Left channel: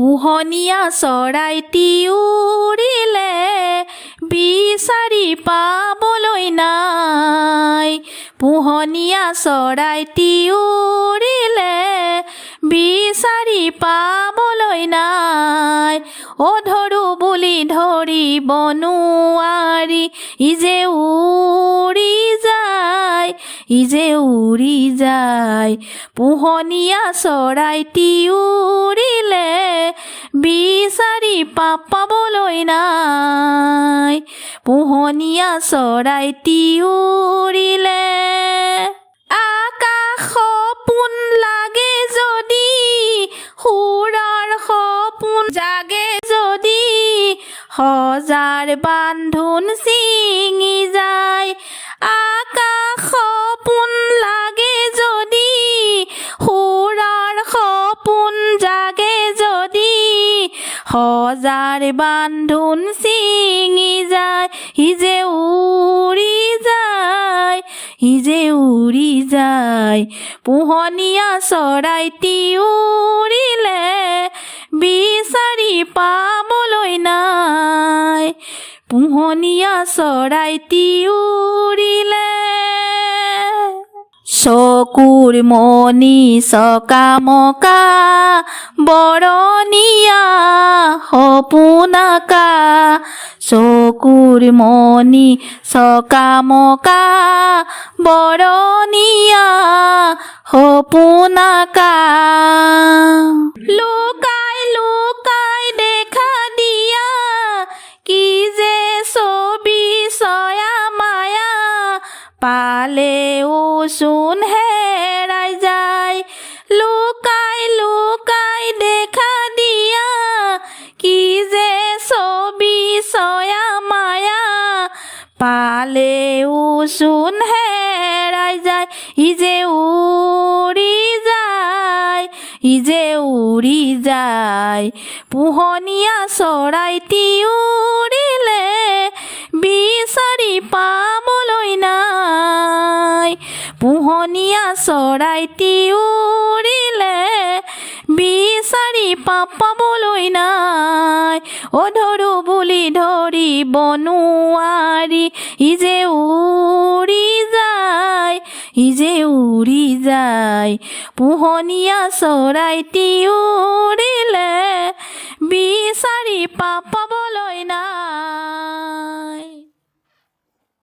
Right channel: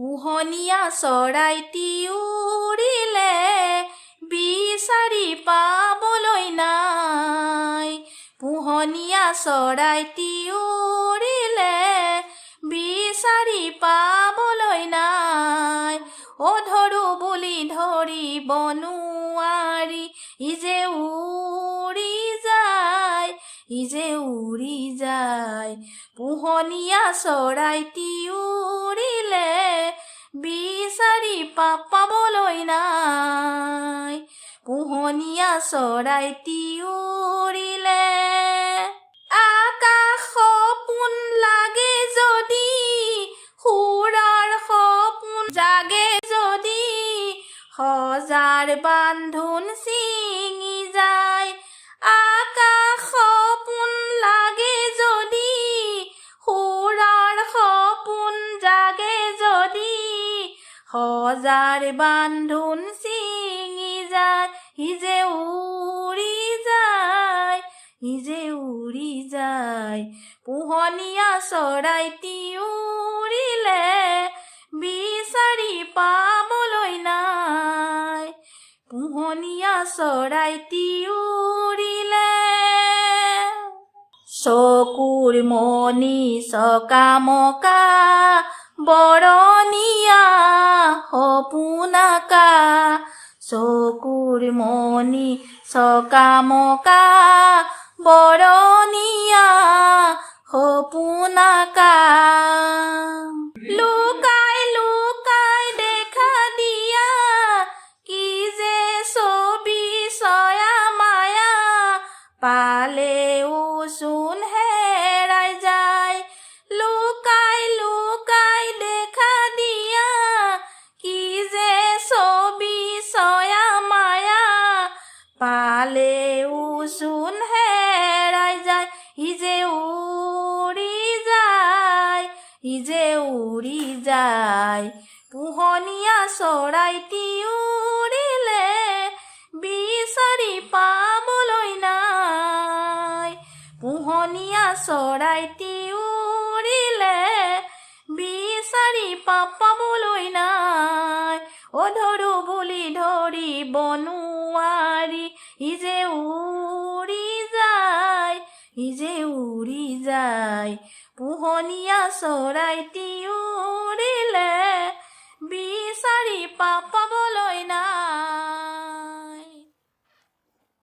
পোহনীয়া চৰাইটি উৰিলে বিচাৰি পাবলৈ নাই। পোহনীয়া চৰাইটি উৰিলে বিচাৰি পাবলৈ নাই। ধৰো বুলি ধৰিব নোৱাৰি, ইজে উৰি যায়, ইজে উৰি যায়। পোহনীয়া চৰাইটি উৰিলে বিচাৰি পাবলৈ নাই। পোহনীয়া চৰাইটি উৰিলে আকাশ সপোন লাগে যদি, সুৰৰ সপোন জাগে যদি, সজাৰ বান্ধোন ছিঙি যায়। আকাশ সপোন লাগে যদি, সুৰৰ সপোন জাগে যদি, সজাৰ বান্ধোন ছিঙি যায়। ইজে উৰি যায়, ইজে উৰি যায়। পোহনীয়া চৰাইটি উৰিলে বিচাৰি পাবলৈ নাই। পোহনীয়া চৰাইটি উৰিলে চকুৰ মণি চকামকা, বৰণীয়া সপোন আঁকা। চকুৰ মণি চকামকা, বৰণীয়া সপোন আঁকা। লুকাই লুকাই দেখা দিয়া, কি যে ছবি ছয়া মায়া, পালেও চোন হেৰাই যায়। লুকাই লুকাই দেখা দিয়া, কি যে ছবি ছয়া মায়া, পালেও চোন হেৰাই যায়। ইজে উৰি যায়, ইজে উৰি যায়। পোহনীয়া চৰাইটি উৰিলে বিচাৰি পাবলৈ নাই। পোহনীয়া চৰাইটি উৰিলে বিচাৰি পাবলৈ নাই। ধৰো বুলি ধৰিব নোৱাৰি, ইজে উৰি যায়, ইজে উৰি যায়। পোহনীয়া চৰাইটি উৰিলে বিচাৰি